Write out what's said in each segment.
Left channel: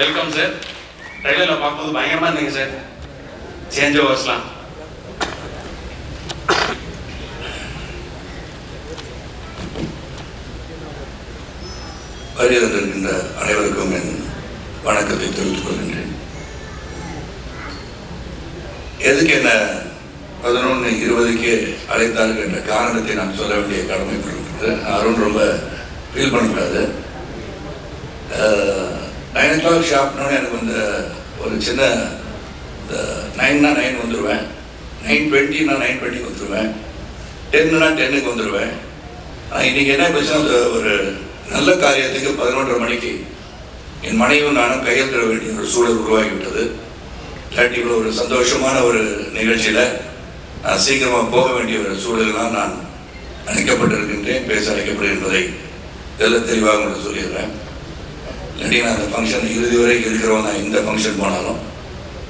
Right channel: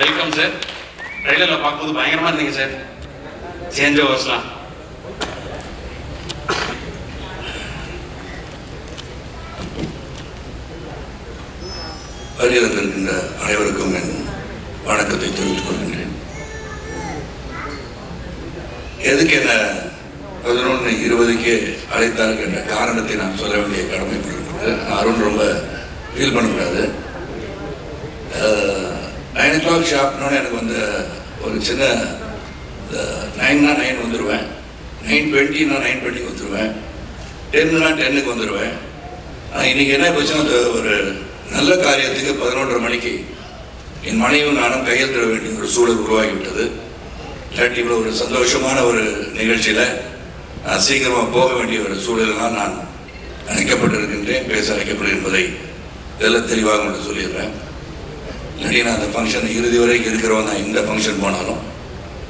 Welcome sir. ட்ரெயிலர்ல பார்க்கும்போது பயங்கரமா இருந்தீங்க சார். சேஞ்ச் ஓவர்ஸ்லாம் வருகின்ற அனைவருக்கும் என் வணக்கத்தை தெரிவித்துக் கொள்கின்றேன். எதுக்கு என்ன 11:20க்கு அழைத்தார்கள் என்ற காரணத்தை நான் சொல்ல வேண்டிய கடமைப்பட்டிருக்கிறது. அருண் ரொம்ப ஃபீல் பண்ணக்கூடாது. 9 o'clock ஷார்ப்னு எனக்கு வந்து ஒரு சின்ன 9னா 9 வந்துடுவேன், 9:20னா 9:20 வந்துடுவேன், 10னா 10க்கு வந்துடுவேன். இன்னைக்கு என்ன போச்சுன்னா ஒரு நல்ல காரியத்துக்கு 11:30 மணிக்கு என் மனைவியும் நானும் கையெழுத்திட வேண்டிய ஒரு சூழல் உருவாகிவிட்டது. இல்லாட்டி இவ்வளவு ஒரு சந்தோஷமான ஒரு நிகழ்ச்சியில நான் சீக்கிரமா போக வேண்டிய ஒரு சூழலாம் நான் அழைக்கப்பட்டிருக்கின்றேன், பேச அழைக்கப்படும் என்பதை தெளிவாக மட்டும் சொல்லிடுறேன். இல்லாட்டி நான் அந்த ஃபங்க்ஷன் இறுதி வரை இருக்கிறவன் தான். எந்த ஃபங்க்ஷன் போனாலும்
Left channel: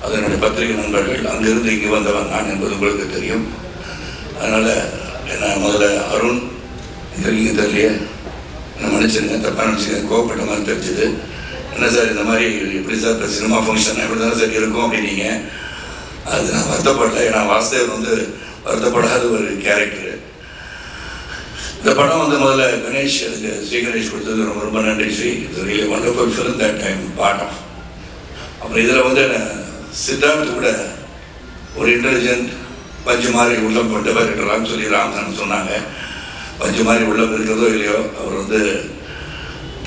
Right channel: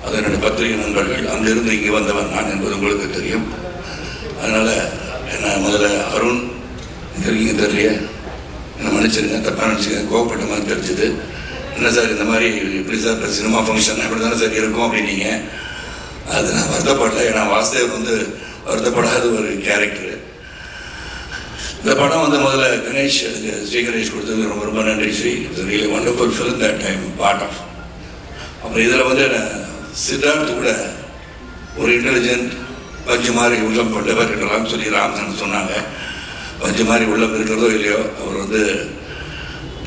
அது என்னுடைய பத்திரிகை நண்பர்கள் அங்கிருந்து இங்கே வந்தவன் நான் என்பது உங்களுக்கு தெரியும். அதனால என்ன முதல்ல அருண் தெரியுங்க தெரியலையே மன்னிச்சிருங்க, தப்பா நினைச்சுங்க, கோவப்பட்ட மாதிரி தெரிஞ்சது. என்ன சார் இந்த மாதிரி இப்படி சார் சினிமா ஃபங்க்ஷன் இப்படி தானே சார் இருக்கும் அப்படின்னீங்க. அது நான் வருத்தப்படல. ஏன்னா வாசுதேவன் வந்து வருத்தப்படாத ஒரு கேரக்டர். இந்த படம் வந்து முதல்ல கணேஷ், அதுக்கு ஸ்ரீ கணேஷ் கொடுத்தது ரொம்ப ரொம்ப நன்றி Sri. It's really wonderful film that time part of. அப்புறம் இதுல வந்து சித்தார்த் கூட ஒரு இன்டெலிஜென்ட் பஞ்சு மாதிரி உள்ளம் கொண்டவர் என்றெல்லாம் சொல்லி ராமசன் சொன்னாங்க. பஞ்சு மாதிரி உள்ளம் இருக்கிறதோ இல்லையோ அவர் வந்து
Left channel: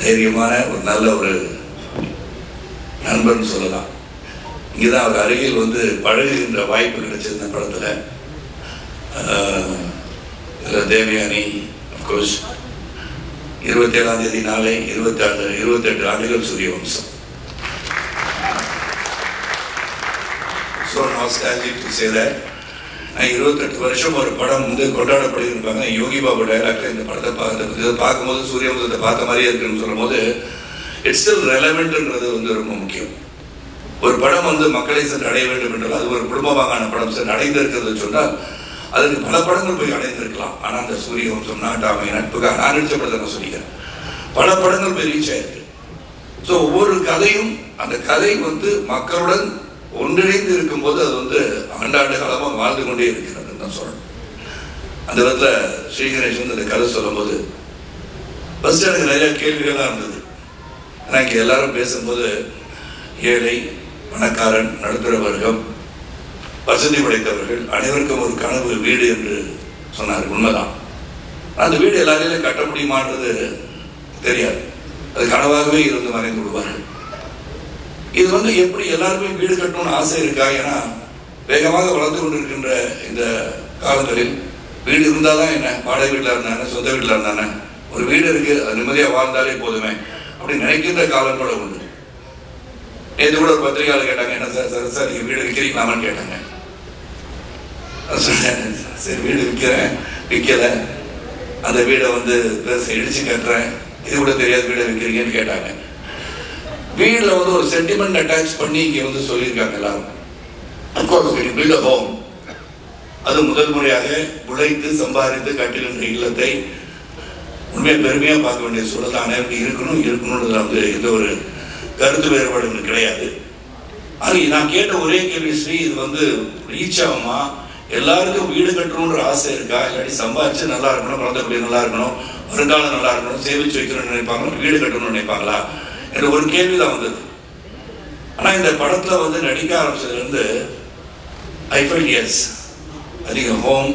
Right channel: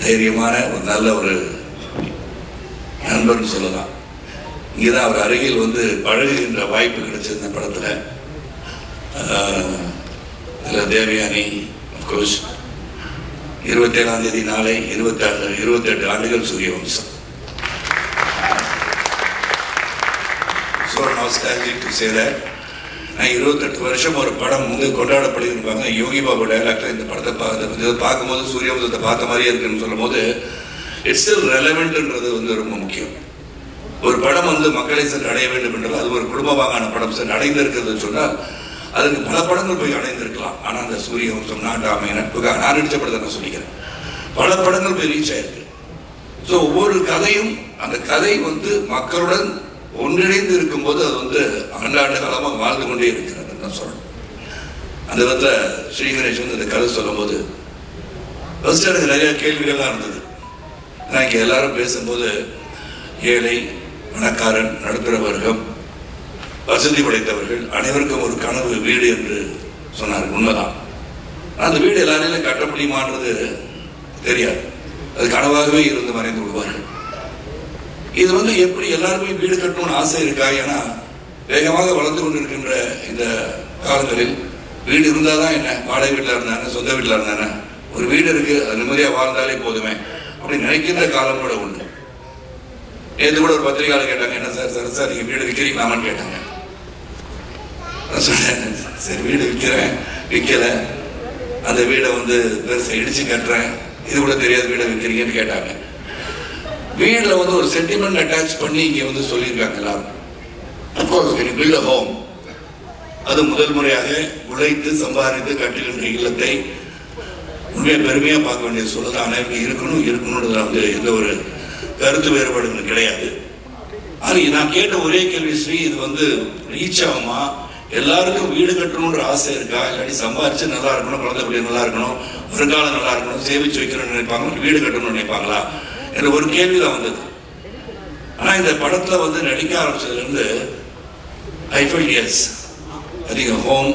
தைரியமான ஒரு நல்ல ஒரு நண்பர்னு சொல்லலாம். இங்கதான் அவர் அருகில் வந்து பழகுகின்ற வாய்ப்பு கிடைச்சது இந்த படத்துல. தேவயானி அப்கோர்ஸ் 27ஆம் தேதி நாளை 28 ஆண்டுகள் Suryavamsam. So nostalgic to say that. 28 வருஷம் ஒரு படம் வந்து கொண்டாடப்படுகிறாங்க. யோகி பாபு டைலாக்ல இந்த படத்தை பார்க்கும்போது சூரியவம்சத்தை பார்த்த மாதிரியே இருக்குன்னு சொல்லும் போது இட்ஸ் ஸ்டில் ரெலவென்ட்ன்றது வந்து ரொம்ப முக்கியம். ஒரு படம் வந்து மக்களை சென்று அடைய வேண்டும் என்றால் அது ஒரு குடும்பமாகான படம் சென்று அடைந்திருக்கிறது சொன்னால் அதுக்கு பல படங்கள் போய் அடைந்திருக்கலாம். ஆனா அந்த சூரியவம்சம், நாட்டாமை, நட்புக்காக நான் நடிச்ச படத்தை நான் சொல்லிக்கிறேன், பல படங்கள் போய் ரீச் ஆயிருக்கு. சோ ஒவ்வொரு கதையும் அந்த கதை வந்து மக்களுடன் ஒன்றிணைந்து இருக்கும் போது அது வந்து ஆண்டாண்டு காலமாக வாழ்ந்து கொண்டே இருக்கிறது தான் சொல்லணும். அந்த விதத்துல ஸ்ரீ கணேஷ் வந்து அந்த கதை சொல்லும் போது ஃபர்ஸ்ட் எனக்கு நிறைய கேள்விகள்லாம் இருந்தது. இங்க எல்லாரும் பேசும்போது ஏழை, பணக்காரன், நடுத்தர வர்க்கம், வசதி படைத்தவர்கள் அனைவருக்கும் ஒரு கனவு வீடு என்று சொன்னார்கள். உண்மைதான். அந்த வீடு எல்லாரையும் கட்ட முடியுமான்றது தெரியாது. அது கனவாகவே இருந்து மறைந்து விடுவார்கள். இது வந்து எப்படி எல்லாருமே வீடு கட்டணும்னு ஆசை இருக்கா? ஏன்னா வேகமாக வளர்ந்து கொண்டிருக்கின்ற இந்த காலங்களில் வீடு இருந்தாதான் என்ன, வாடகை வீட்டில் இருந்தானே, சொந்த வீட்டில் இருந்தானே, ஒரு வீடு இருக்கு அது நிம்மதியா வாழ்ந்தாலே போதுமே அப்படி நினைக்கின்ற காலம் கூட உண்டு. நேற்று கூட ஒரு பத்திரிகையாளர் கேட்டாங்க, என்ன சார் சார் நீங்க வீடு விற்கிறீங்களாமான்னு கேட்டாங்க. சரி வீடு விற்கல, அந்த வீடை வந்து பெருசா இடிச்சு கட்டுறேன், இது கூட தெரியாது வீடை விற்கிறீங்கன்னு கேட்டாங்க. வீடுல வந்து ஒரு சென்டிமெண்ட் அட்டாச் பண்ணி இங்க வந்து சொல்லியிருக்காங்களா? பில்ட் அ ஹோம், அது முதல் முறையாக உழைத்து சம்பாதித்து கட்டுகின்ற இல்லத்தை உண்மை பெருமையா பார்க்க வேண்டிய சூழல் அனைவரும் இருக்கணும் வந்து எந்த ஒரு கருத்து வேறுபாடு கிடையாது. அது நான் கேட்ட ஒரே கேள்வி ஸ்ரீ, இது வந்து ரீச் ஆகுமா? எல்லாருக்கும் வீடு கட்டணும்ன்ற ஆசை இருக்கா? இல்லாட்டி சம்பாதிச்சு நல்லா இருக்கணும், குழந்தை குடி நல்லா இருக்கணும், ஒரு காலம் நல்லா இருக்கணும், சேமிச்சு வைக்கணும்னு நினைப்பாங்க, வீடு கட்டணும்னு நினைப்பாங்களா என்ற ஒரு கேள்விதான் வந்தது. ஆனா இந்த படத்துல வந்து நடிக்க ஆரம்பிச்சதுல இருந்து I felt yes, I think a home,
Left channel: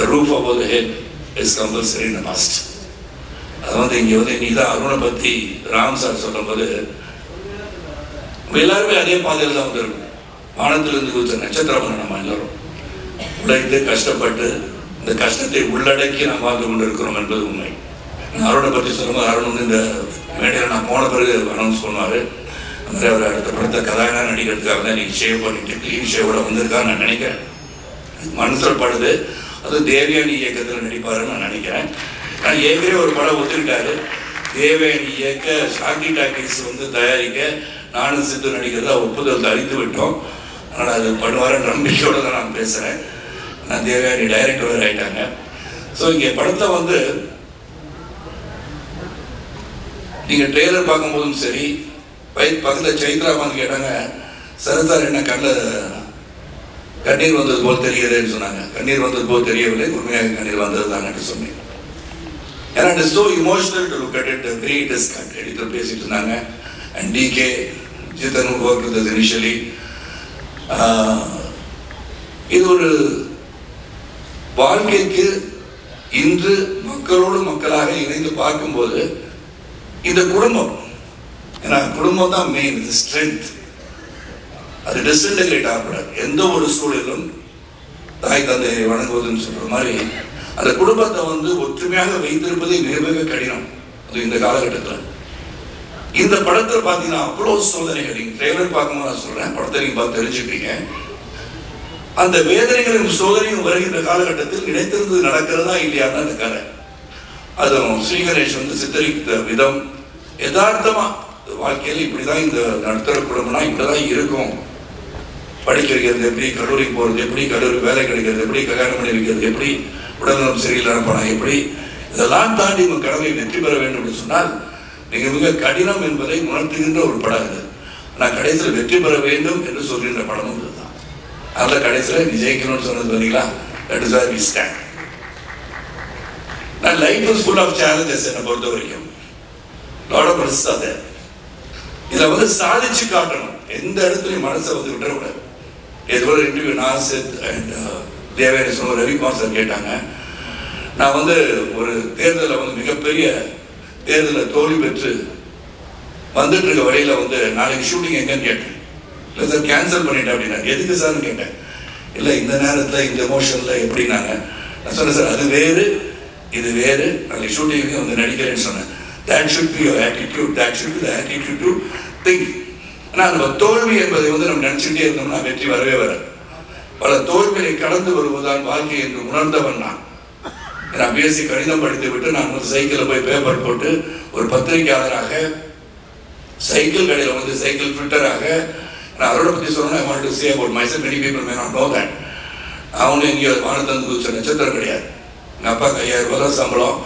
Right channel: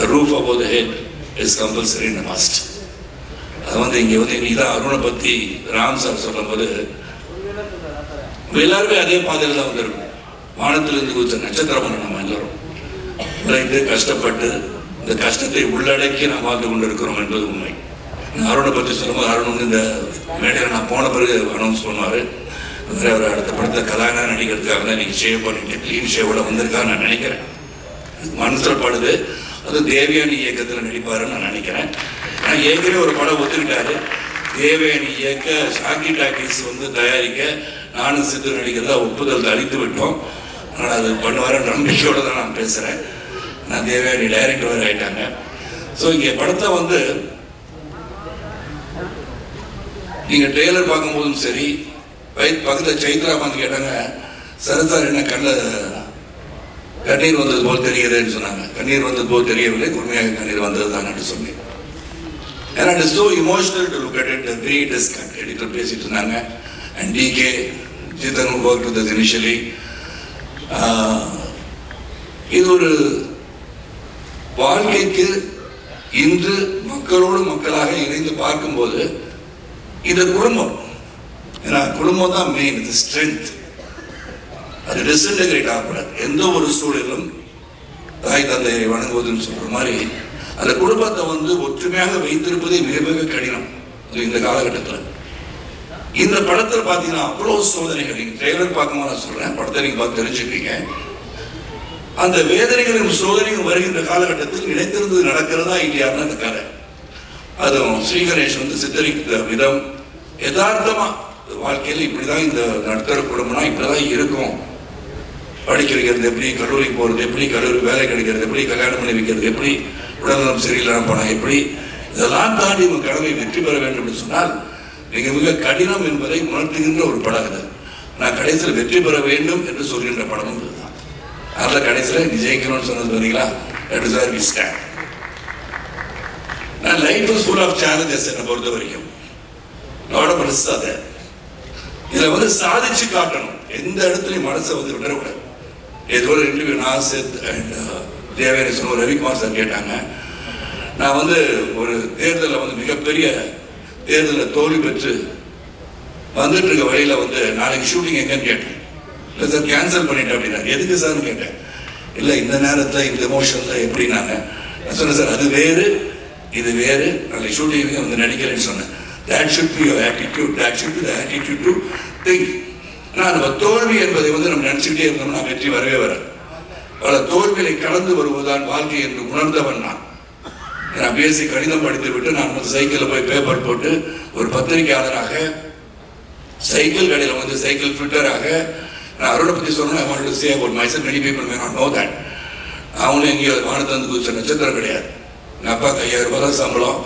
a roof above the head is compulsory and a must. அது வந்து இங்க வந்து இன்னைக்குதான் அருணை பத்தி ராம் சார் சொல்லும் போது எல்லாருமே அதே பாதையில தான் வந்திருக்கும். வானத்திலிருந்து குதிச்ச நட்சத்திரம் நம்ம எல்லாரும் உழைத்து கஷ்டப்பட்டு இந்த கஷ்டத்தை உள்ளடக்கி நாம் வாழ்ந்து கொண்டிருக்கிறோம் என்பது உண்மை. அருணை பற்றி சொல்லும்போது அருண் வந்து இந்த மேடையில நான் போன பிறகு அனௌன்ஸ் பண்ணுவாரு, அவர் அடுத்த படத்தை கதாநாயகன் நடிக்கிறதுக்காக தான் இன்னைக்கு ஷேவ் பண்ணிட்டு கிளீன் ஷேவோட வந்திருக்காரு நான் நினைக்கிறேன். மனசுல படுது. அது தேவயானி இயக்கத்தில் நடிப்பாருன்னு நான் நினைக்கிறேன். நான் ஏற்கனவே ஒரு படம் ஒத்துக்கிட்டாரு, தேவயானி இயக்க ஷாக்கி டாக்கீஸ் வந்து தயாரிக்க நானும் சித்து நடிக்கிறதா ஒப்புதல் அளித்து விட்டோம். அதனால அது பண்ணுவார நம்பிக்கையோட தான் நான் பேசுறேன். நான் தேவயானி டைரக்டர் ஆயிட்டாங்க. சோ இங்க படத்தை வந்து நீங்க ட்ரெய்லர் பார்க்கும் போதும் சரி, பக்கத்துல சைத்ரா வந்து கேட்டாங்க, சரத் சார் என்ன கண்ணீர் வந்தது போல் தெரியுதுன்னு சொன்னாங்க. கண்ணீர் வந்தது போல் தெரியவில்லை, உண்மையாக கண்ணீர் வந்ததுதான் என்று சொன்னேன். And it is so emotional to look at it. The way it is editor பேசிட்டு இருந்தாங்க. And DK Chetan who worked with us initially. இது ஒரு வாழ்க்கைக்கு இன்று மக்களோடு மக்களாக இணைந்து பார்க்கும்போது இந்த குடும்பம், குடும்பம் தான் மெயின், இது ஸ்ட்ரென்த். அது டிஸ்இன்டகிரேட் ஆகக்கூடாது. எந்த ஒரு சூழலும் தாய் தந்தையை வணங்குவதுன்னு சொல்ற மாதிரி அந்த குடும்பத்தை ஒற்றுமையாக வைத்திருப்பதே மிக மிக கடினம் இந்த காலகட்டத்தில். இந்த படத்தில் பாத்தீங்கன்னா அவ்வளவு சோதனைகள். நீங்க ட்ரெய்லர் பார்க்கும்போது நான் சொல்றேன், படத்தை நீங்க பார்த்து தெரிஞ்சுக்கிட்டீங்க. அந்த வேதனைகளும் சோதனையும் வருகின்ற காலகட்டத்தில் நினைத்திருந்தது நடக்கிறதா இல்லையான்னு அந்த கதை. அதுவும் ஸ்ரீகணேஷ் சித்தரித்த விதம் யதார்த்தமா வாழ்க்கையில் இப்படிதான் இந்த நடுத்தர குடும்பம்னா இப்படிதான் இருக்கும். படிக்க வைக்கிறது எப்படி, கல்லூரிக்கு போறது எப்படி, கல்லூரி வேலை கிடைக்கிறது எப்படி, கல்யாணம் பண்ணி வைக்கிறது எப்படி, உடல்நலம் சரியில்லாம போனா எப்படி, இதெல்லாம் தாண்டி உங்க கடமை வெற்றி பெற வேண்டும் என்று சொன்னால் மிக மிக கடினம் என்பதை உணர்த்துகின்ற ஒரு படம் இது. நான் கடைசியில் வெற்றி பெற வேண்டும் என்று சொல்கின்ற படம் இதுதான். அதுல கடைசியில் நீ ஜெயிக்கணும்னு சொன்னது பார்த்தீங்களா, that is where we stand. நான் life is full of challenges என்னை பொறுத்த வரைக்கும். லாட் ஆஃப் ரிஸ்க் அது. இதுல சாதிச்சு காட்டணும், எந்த இடத்துலயும் மனசை விடக்கூடாது. ஏதோ ஒரு இன்டர்வியூ நாசித் அண்ட் தேவேரி சொன்ன ரவிக்குமார் சார் கேட்டாங்க, நான் ஒரு தேர்தலில் மிகப்பெரிய தேர்தலில் தோல்வி பெற்று வந்துட்டு இருக்க வழியில நாளைக்கு ஷூட்டிங் எங்கன்னு கேட்டேன். இல்ல சார் கேன்சல் பண்ணிட்டேன் அப்படின்னா. எதுக்கு சார் கேட்டேன். இல்ல இந்த நேரத்தில் இந்த எமோஷன்ல எப்படின்னாங்க. நான் சொன்னேன் சார் அது வேறு இது வேறு, நாளைக்கு ஷூட்டிங் நடிக்கிறேன்னு சொன்னேன். That should be your attitude. That should be the attitude to think. நம்ம தோல்வி என்பதை நம்ம நினைச்சுட்டே இருந்தோம்னா வெற்றி வரவே வராது. பல தோல்விகளை கடந்து வருவதுதான் வாழ்க்கை என்று உணர்ந்தவன் நான் பேசி கடிதம் படித்து விட்டு நான் சைக்கிள் போய் பேப்பர் போட்டு ஒரு பத்திரிகையாளராக சைக்கிள் கடையில் சைக்கிள் ஃபில்டராக நான் அருணை பத்தி சொன்னேன். I wanted to say about myself. Many people may not know that. அவனு எங்கேயோ வானத்தந்து குதிச்ச நட்சத்திரம் கிடையாது. எங்க அப்பாக்கு 5000 ரூபாய் சம்பளம்.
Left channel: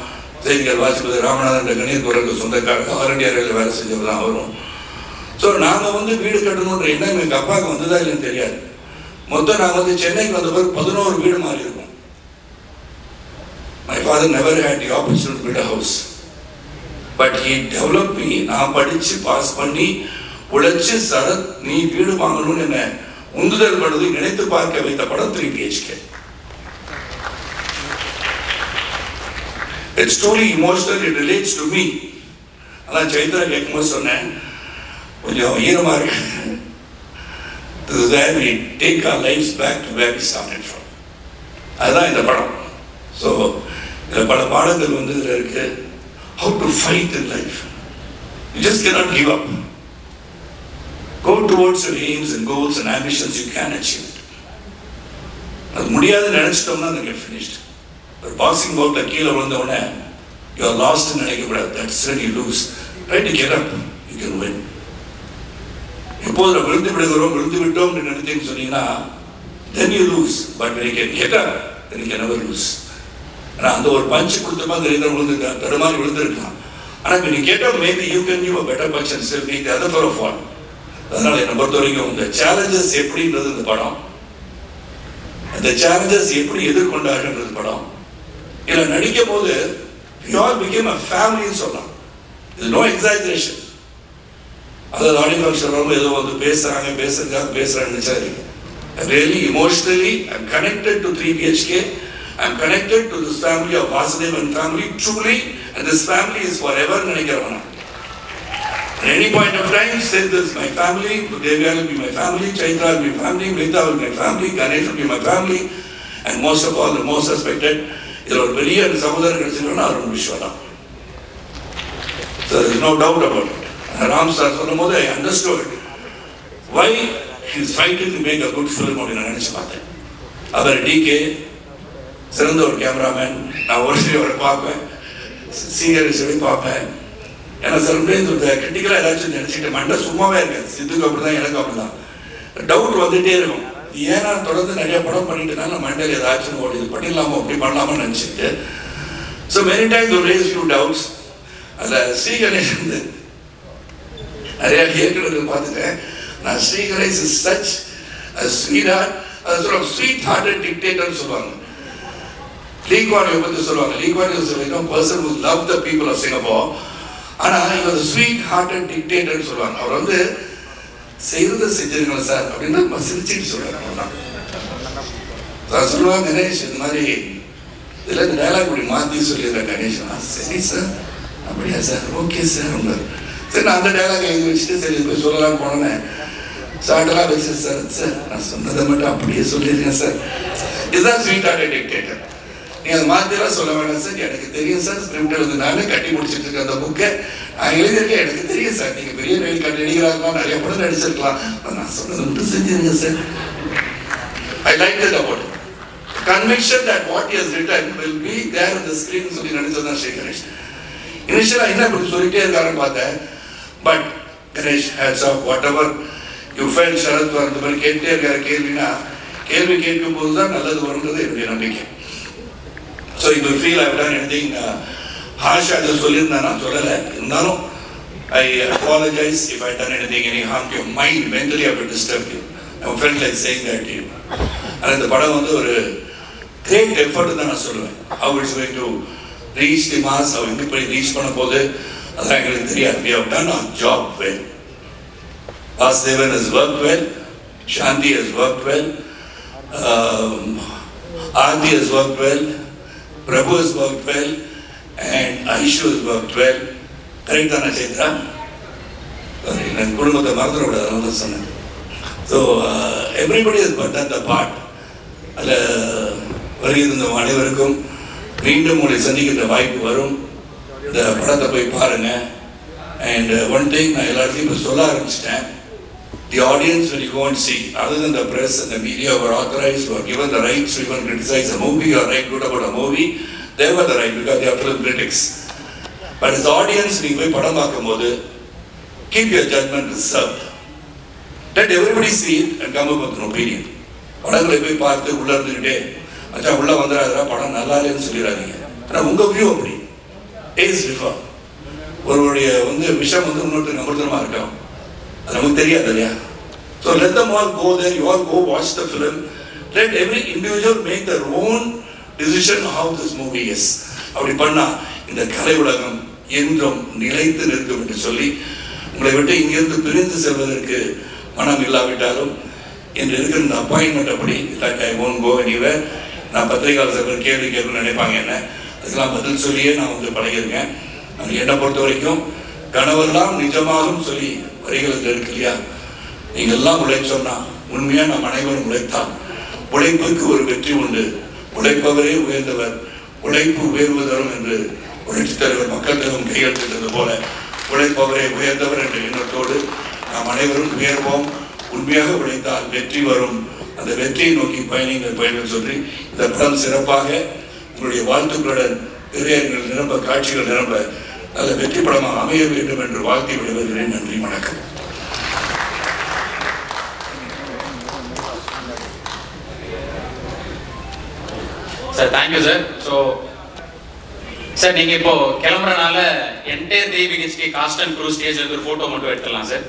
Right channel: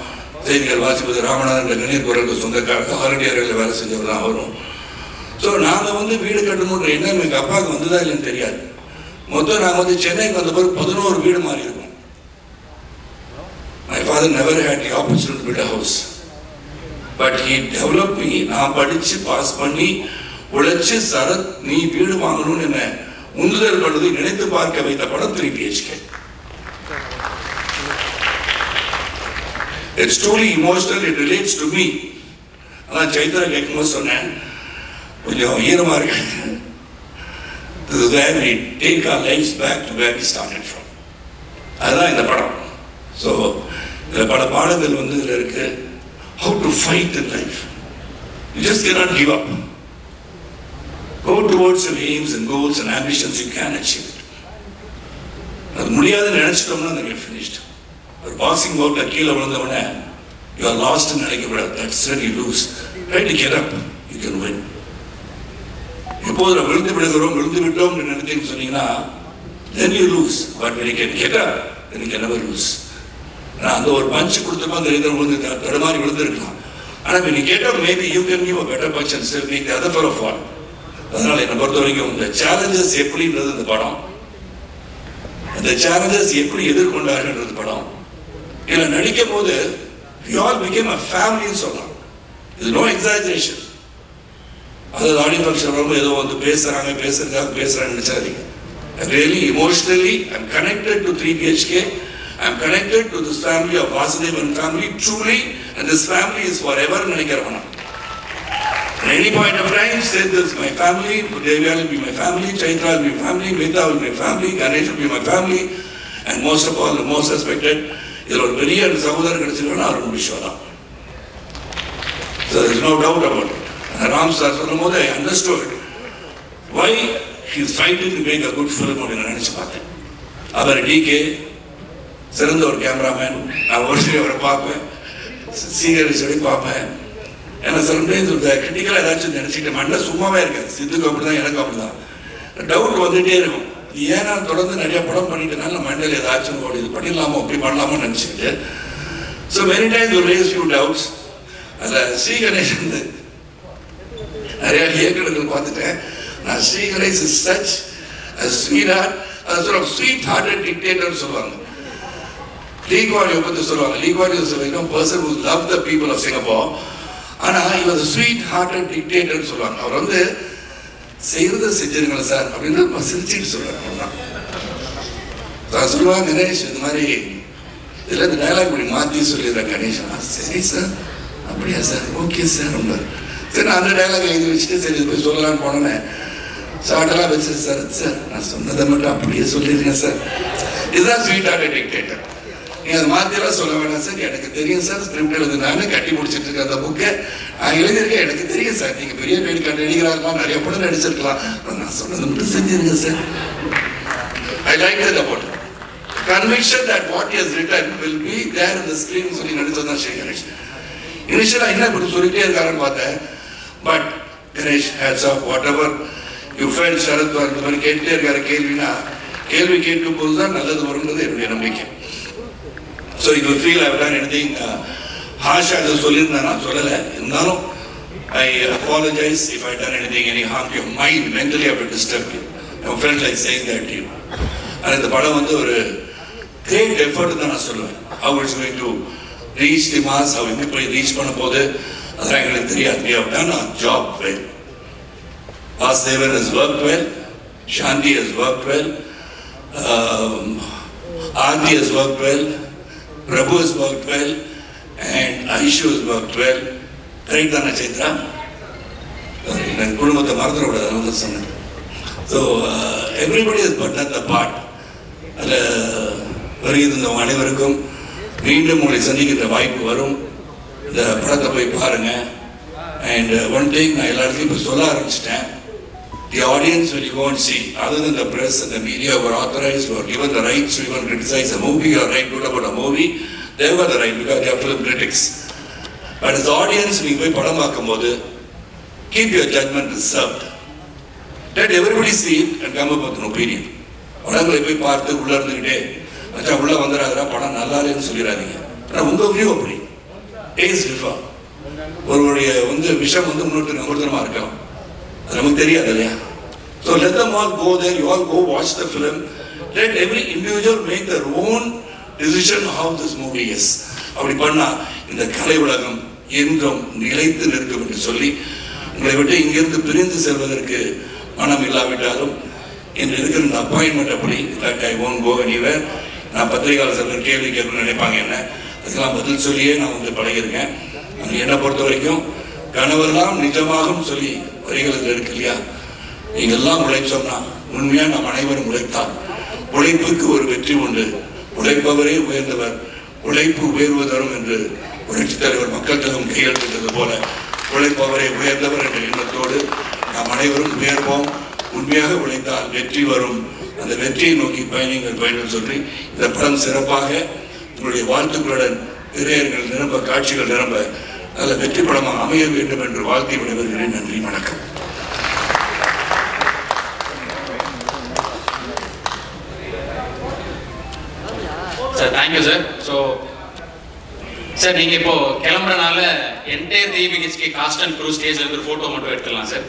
செய்திகள் வாசிப்பது ராமநாதன் கணீர் குரலுக்கு சொந்தக்காக ஆரண்டியர்கள் வேலை செஞ்சவர் தான் வரும். சோ நாங்க வீடு கட்டணும்ன்ற எண்ணம் எங்க அப்பாவுக்கு வந்ததா இல்லைன்னு தெரியாது. மொத்தம் நாங்க சென்னைக்கு வந்த பிறகு 11 வீடு மாறி இருக்கோம். My father never had the opportunity to build a house, but he developed me. நான் படிச்சு பாஸ் பண்ணி உழைச்சு சரத் நீ வீடு வாங்கணும்னு என்ன உந்துதல் பண்ணுவதை நினைத்து பார்க்க வைத்த படம் 3 BHK. It's truly emotional. It relates to me. அதான் சைத்ரா கேட்கும்போது சொன்னேன், கொஞ்சம் ஈரமா இருக்கு. This is where we take our lives back to where we started from. அதுதான் இந்த படம். So இதுல பல பாடங்கள் இதுல இருக்கு. How to fight in life. You just cannot give up. Go towards your aims and goals and ambitions. You can achieve it. அது முடியாதுன்னு நினைச்சிட்டோம்னா then you're finished. ஒரு பாக்ஸிங் பவுட்ல கீழே விழுந்தவனே you are lost ன்னு நினைக்கப்படாது. That's when you lose. Try to get up. You can win. எப்போது விழுந்து விட்டோம் நினைச்சீங்கன்னு சொன்னீங்கன்னா then you lose. But when you can get up, then you can never lose. அந்த ஒரு punch கொடுத்தப்ப அந்த ரீதம் விழுந்து தடுமாறி விழுந்திருக்கலாம். ஆனா when you get up, maybe you can give a better punch and still make the other fellow fall. அதனால என்னை பொறுத்த வரைக்கும் இந்த சேலஞ்சஸ் எப்படின்றது இந்த படம், அந்த சேலஞ்சஸ் எப்படி எதிர்கொண்டார்கள் படம். இதுல நடிக்கும் போது we all became a family ன்னு சொல்லலாம். இது no exaggeration. அதாவது ஆடியோ ஃபங்க்ஷன் வரும்போது ஏதோ பேசுறாங்க நினைச்சாதீங்க. Really emotionally I'm connected to 3 BHK. I'm connected to this family of Vasudevan family truly, and this family is forever நினைக்கிறவனா. At any point of time, say this is my family, Devya will be my family, Chaitra will be my family, Mita will be my family, Ganesh will be my family, and most of all, the most respected, இதுல ஒரு பெரிய சகோதரர் கிடைச்சிருக்கா Arun Vishwa. So there is no doubt about it. Ram sir சொல்லும் போது I understood why he is fighting to make a good film அப்படின்னு நான் நினைச்சு பார்த்தேன். அவர் DK சிறந்த ஒரு கேமராமேன், நான் வருஷம் பார்ப்பேன், சீக்கிரம் பார்ப்பேன். ஏன்னா சில கிரிட்டிக்கலா ஏதாச்சும் நினைச்சுட்டு மண்டை சும்மாவே இருக்காது. சித்துக்கு அப்படிதான், எனக்கு அப்படிதான். டவுட் வந்துட்டே இருக்கும். ஏன்னா தொடர்ந்து நிறைய படம் பண்ணிட்டனால மண்டையில் ஏதாச்சும் ஓடி இது பண்ணிடலாமோ அப்படி பண்ணலாமோ நினைச்சுட்டு So many times you raise few doubts. அதுல ஸ்ரீ கணேஷ் நிறைய இயக்குநர்கள் பார்த்துட்டேன். நான் Sriganesh is such sweet heart, அது சொல்லுவாங்க ஸ்வீட் ஹார்ட்டட் டிக்டேட்டர் சொல்லுவாங்க. லீ குவான் யூ பத்தி சொல்லுவாங்க. Lee Kuan Yew is a person who loved the people of Singapore. ஆனா he was a sweet hearted dictator சொல்லுவாங்க. அவர் வந்து செய்யறத செஞ்சிருக்கல சார் அப்படின்னு சிரிச்சுட்டு சொல்லுவாங்க. சொல்லுவாங்க கணேஷ் இந்த மாதிரி இதுல இந்த டயலாக் இப்படி மாத்தி சொல்லிடுறேன் கணேஷ். சரி சார் அப்படியா சார், ஓகே சார். சரி நான் அந்த டயலாக் எழுதி வச்சுட்டு சரி போய் சொல்லலாம்னு போனேன். சாட்டெல்லாம் வச்சு சார் சார் நான் சொன்னதை மட்டும் அப்படியே சொல்லிருக்கேன் சார். இதுதான் ஸ்வீட் ஹார்ட்டட் டிக்டேட்டர். நீ அதை மாத்திலாம் சொல்ல வேண்டாம் சார், எனக்கு தெரியும் சார். ஸ்கிரிப்ட் எழுது நானு கட்டி முடிச்சிட்டு இருக்க அந்த புக்கை நான் எழுதியிருக்கேன், எனக்கு தெரியும் சார். நீங்க பெரிய நடிகராக இருக்கலாம், நிறைய படம் நடிச்சிருக்கலாம், நான் சொன்னது மட்டும் செஞ்சிருங்க sir. I like that about it. Conviction that what he has written will be there in the screen சொல்லி நடிச்சதுதான் ஸ்ரீ கணேஷ். இனிஷியலா என்ன இப்படி சொல்லிட்டே இருக்காருன்னு பார்த்தேன். But Ganesh hats off whatever you felt Sarath இந்த மாதிரி கேட்டுட்டே இருக்காரு. கேள்வினா கேள்வி கேட்கும் போதுதான் நல்லது வரும்ன்றது என்னுடைய நம்பிக்கை. So you will feel I have done anything harsh as சொல்லியிருந்தா நான் சொல்லல. இருந்தாலும் I apologize if I done anything any harm to your mind, mentally I have disturbed you. I felt like saying that to you. And இந்த படம் வந்து ஒரு great effort தான் நான் சொல்லுவேன். How it's going to reach the mass, how எப்படி போய் reach பண்ண போது அதான் எங்களுக்கு தெரியாது. We have done our job well. Vasudevan has worked well, Shanti has worked well, Aarti has worked well, Prabhu has worked well, and Aishu has worked well. Correct தானே சைத்ரா? என் குடும்பத்தை மறந்துடக்கூடாது சொன்னேன். So everybody has put that the part. அதுல வருகிற அனைவருக்கும் மீண்டும் உங்களை சந்திக்கின்ற வாய்ப்பு வரும். இந்த படத்தை போய் பாருங்க. And one thing நான் எல்லாத்தையும் இப்ப சொல்ல ஆரம்பிச்சிட்டேன். The audience will go and see. Other than the press and the media were authorized or given the rights to even criticize a movie or write good about a movie, they were the right because they are film critics. But as the audience, நீங்க போய் படம் பார்க்கும் போது keep your judgment reserved. Let everybody see it and come up with an opinion. படங்களை போய் பார்த்து உள்ள இருந்துகிட்டே அச்சா உள்ள வந்துடாதா படம் நல்லா இல்லைன்னு சொல்லிடாதீங்க. உங்க வியூ அப்படி டேஸ்ட் டிஃபர். ஒருவருடைய விஷயம் இன்னொருத்தருக்கு அமிர்தமா இருக்கலாம், அது நமக்கு தெரியாது இல்லையா? So let them all go there. You all go watch the film. Let every individual make their own decision how this movie is. அப்படி பண்ணா இந்த கலை உலகம் என்றும் நிலைத்து நிற்கும் என்று சொல்லி உங்களை விட்டு இங்கிருந்து பிரிந்து செல்வதற்கு மனம் இல்லாவிட்டாலும் என்று இருக்கிற இந்த அப்பாயின்மெண்ட் அப்படி ஐ won't go anywhere. நான் பத்திரிகையாளர் சிலர் கேள்வி கேட்கணும்னு நினைப்பாங்க என்ன, அதுக்கெல்லாம் பதில் சொல்லியே நான் பழகிருக்கேன். என்னை பொறுத்த வரைக்கும் கனவெல்லாம் நிஜமாகும் சொல்லி வரிகளுக்கு இருக்கு இல்லையா? நீங்க எல்லாம் உழைச்சோம்னா உண்மையா நாம் அனைவரும் உழைத்தால் உழைப்புக்கு ஒரு வெற்றி உண்டு. உழைப்பவரே உயர்ந்தவர், உழைப்பு உயர்வு தரும் என்று புரட்சித் தலைவர் மக்கள் திலகம் கையெழுத்திட்டது போல உழைப்பவரே உயர்ந்தவர் என்ற எண்ணத்தோடு நாம் அனைவரும் உயர்வோம். உண்மையாக உழைத்தால் வெற்றி வரும். அந்த வெற்றியை நோக்கி பயணிகள் சொல்லி இந்த படம் சிறப்பாக உங்களுடைய வாழ்த்துக்களுடன் திரையரங்கில் நிரம்ப, காட்சிகள் நிரம்ப நல்ல வெற்றி படமாக அமைய வேண்டும் என்று வாழ்த்தி விடைபெறுகிறேன். நன்றி, வணக்கம். Sir thank you sir. So sir நீங்க இப்போ கிளம்புறனால என்டையர் டிபிஹெச்பி காஸ்ட் அண்ட் க்ரூ ஸ்டேஜ்ல இருந்து போட்டோ மட்டும் எடுத்துடலாம் சார்.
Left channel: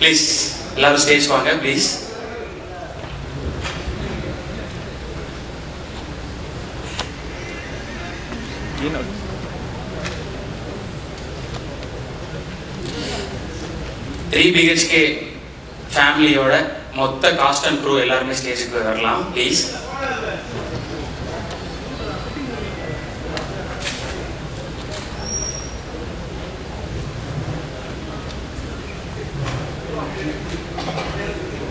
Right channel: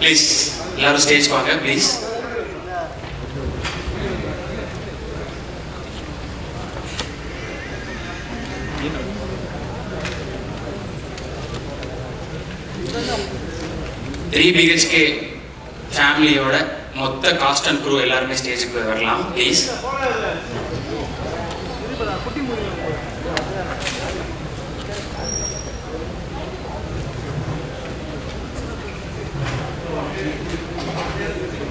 ப்ளீஸ் எல்லாரும் ஸ்டேஜ் வாங்க ப்ளீஸ். டிபிஹெச்கே ஃபேமிலியோட மொத்த காஸ்ட் அண்ட் க்ரூ எல்லாருமே ஸ்டேஜுக்கு போய் வரலாம் ப்ளீஸ்.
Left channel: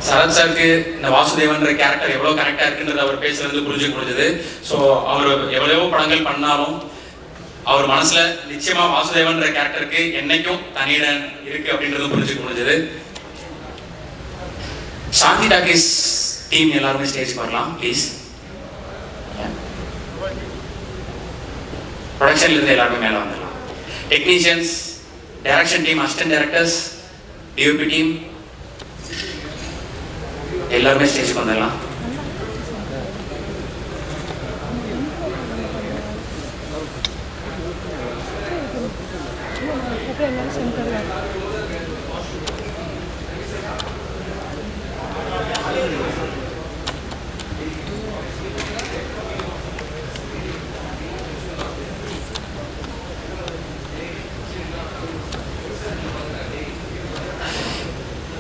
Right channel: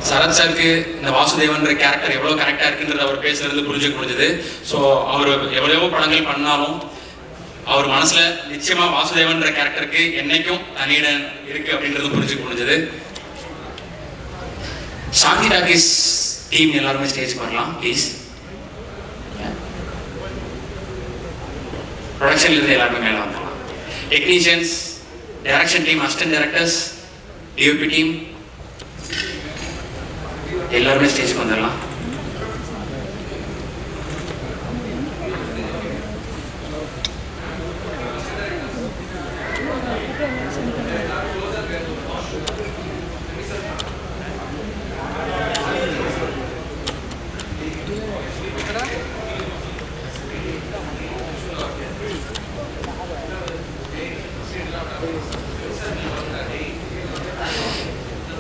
சரத் சாருக்கு இந்த வாசுதேவன் கேரக்டர் எவ்வளவு கரெக்டா இருக்குன்றது அவர் பேசுறது புரிஞ்சுக்க முடிஞ்சது. சோ அவர் எவ்வளவோ படங்கள் பண்ணாலும் அவர் மனசுல நிச்சயமா வாசுதேவன் கேரக்டருக்கு என்னைக்கும் தனியிடம் இருக்கு அப்படின்றது புரிஞ்சுக்க முடிஞ்சது. சாந்தி டாக்கீஸ் டீம் எல்லாருமே ஸ்டேஜ் வரலாம் ப்ளீஸ். ப்ரொடக்ஷன்ல இருந்து எல்லாருமே மேல வந்துடலாம். Technicians, direction team, assistant directors, DOP team எல்லாருமே ஸ்டேஜுக்கு வந்துடலாம்.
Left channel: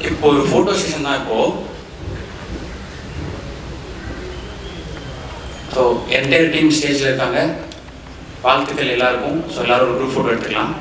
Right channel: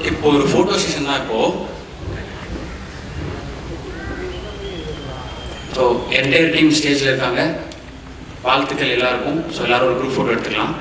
இப்போ ஒரு போட்டோ செஷன் தான் இப்போ. ஸோ என்டையர் டீம் ஸ்டேஜ்ல இருக்காங்க. வாழ்த்துக்கள் எல்லாருக்கும். ஸோ எல்லாரும் ஒரு குரூப் போட்டோ எடுத்துக்கலாம்.